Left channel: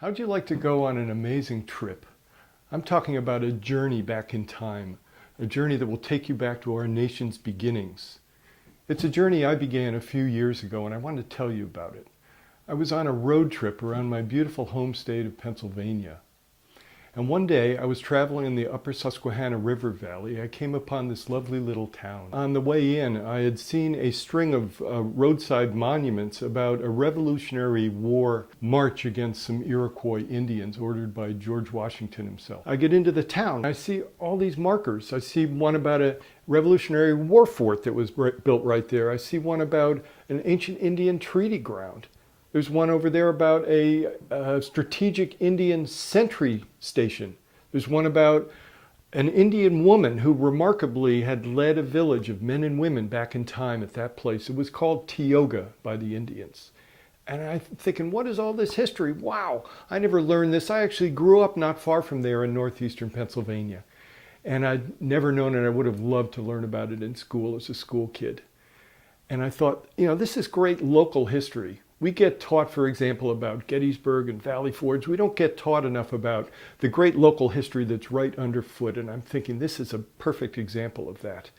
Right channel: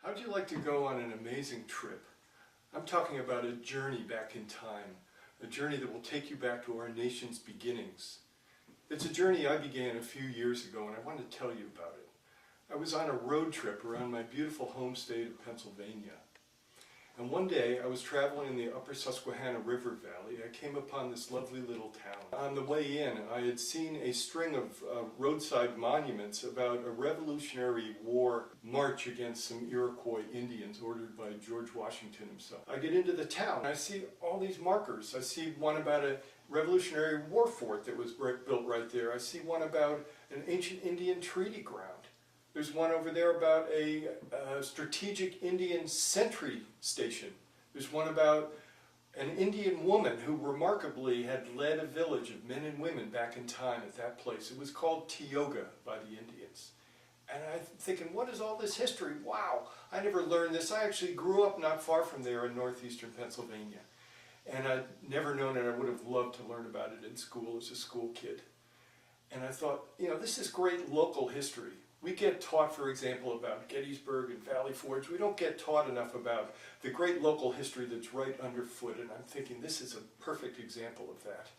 How'd you like to go on an amazing trip? I'm talking about a journey back in time, a journey that will take you back to our nation's beginnings. It's a journey I began a few years ago, and I want to tell you about it. I was on a road trip around my beautiful home state of Pennsylvania. And one day I was traveling in the upper Susquehanna River Valley. I came upon this lovely little town. On the way in, I had seen a string of roadside monuments about a Revolutionary War march against some Iroquois Indians ordered by George Washington himself. I get into the town. I see all these markers. I see one about a Revolutionary War fort that was built right there. I see one about an ancient Indian treaty ground. There's one over there about a strategic Indian sentry station. There's one about an Indian woman who remarkably had led a village of men and women back in time at that place. It was called Teaoga by the Indians. And I'm thinking, what is all this history? Wow, I never learned this. I actually grew up not far from there in northeastern Pennsylvania. And I'd never known it. I would have loved to learn about it in school as a school kid. And I thought, this is great local history. We get taught, for example, about Gettysburg and Valley Forge. We don't get taught enough about the great local history that's right underfoot. And I'm thinking this is a perfect example of that.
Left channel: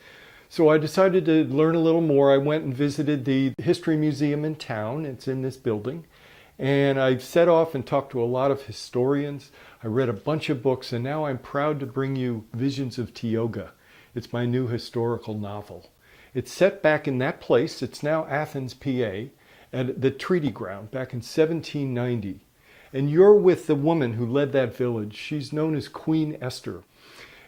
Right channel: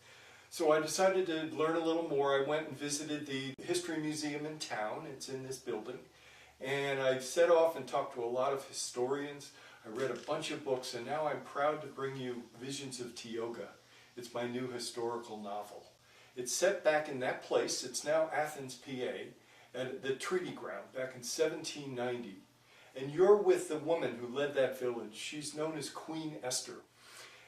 So I decided to learn a little more. I went and visited the History Museum in town. It's in this building. And I set off and talked to a lot of historians. I read a bunch of books, and now I'm proud to bring you Visions of Teaoga. It's my new historical novel. It's set back in that place. It's now Athens, PA. At the treaty ground back in 1790. And you're with the woman who led that village. She's known as Queen Esther.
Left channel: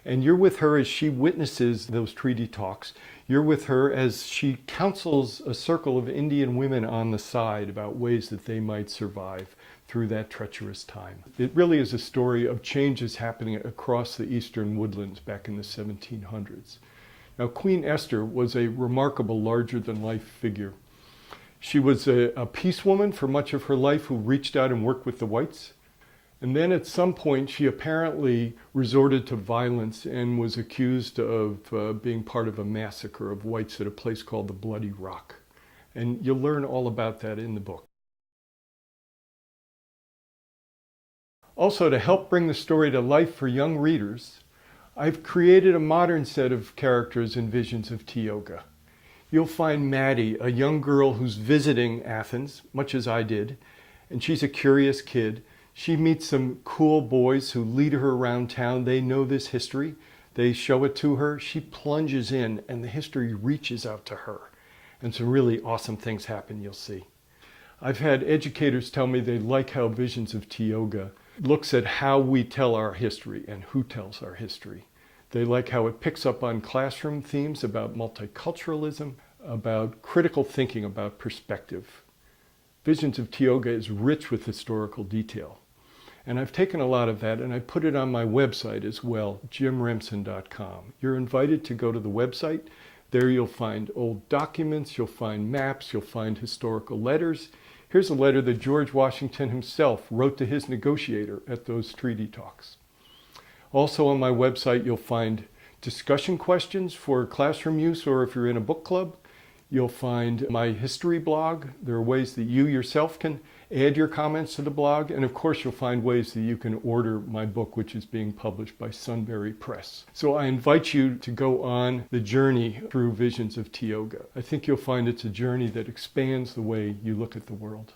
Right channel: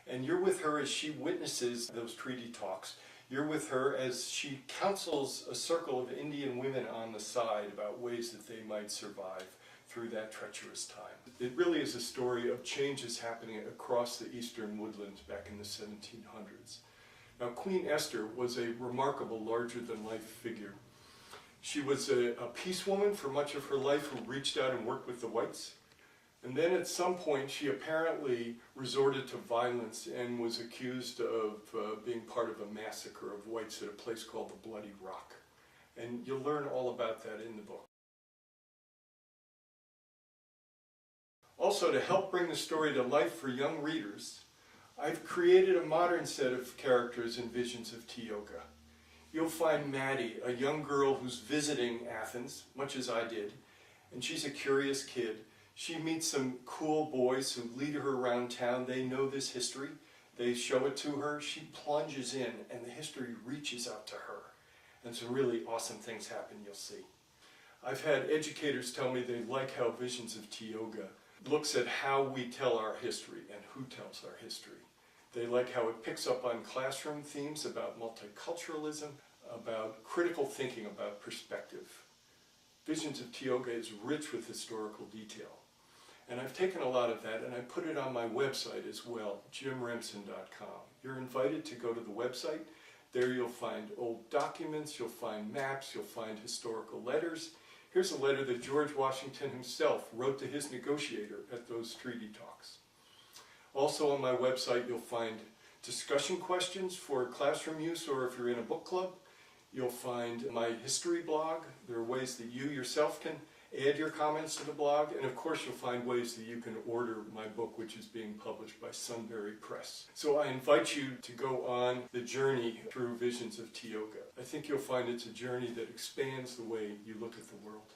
And you're with her as she witnesses those treaty talks. You're with her as she counsels a circle of Indian women on the side about ways that they might survive through that treacherous time. It really is a story of changes happening across the eastern woodlands back in the 1700s. Now, Queen Esther was a remarkable larger-than-life figure. She was a peace woman for much of her life who reached out and worked with the whites. And then at some point, she apparently resorted to violence and was accused of being part of a massacre of whites at a place called the Bloody Rock. And you'll learn all about that in the book. Also, to help bring the story to life for young readers, I've created a modern set of characters in Visions of Teaoga. You'll find Maddy, a young girl who's visiting Athens, much as I did, and she's a curious kid. She meets some cool boys who lead her around town. They know this history. They show it to her. She plunges in, and the history reaches out to her. And some really awesome things happen, you'll see. I've had educators tell me they like how Visions of Teaoga looks at how we tell our history and who tells our history. They like how it picks up on classroom themes about multiculturalism, about critical thinking, about perspective. Visions of Teaoga is rich with historical detail. And I've taken a lot of that and I put it on my website as well, jimremsen.com. You're invited to go to the website. There you'll find old documents, you'll find maps, you'll find historical letters. Here's a letter that George Washington himself wrote to his negotiator at those treaty talks. Also on my website, you'll find discussion questions for classroom use, or if you're in a book club. You'll find my history blog. There are ways that you yourself can add your comments to the blog. And of course, you'll find ways that you can order my book, which is being published by Sunbury Press. So I invite you to go on the journey through Visions of Teaoga. I think you'll find it's a journey that expands the way you look at the world.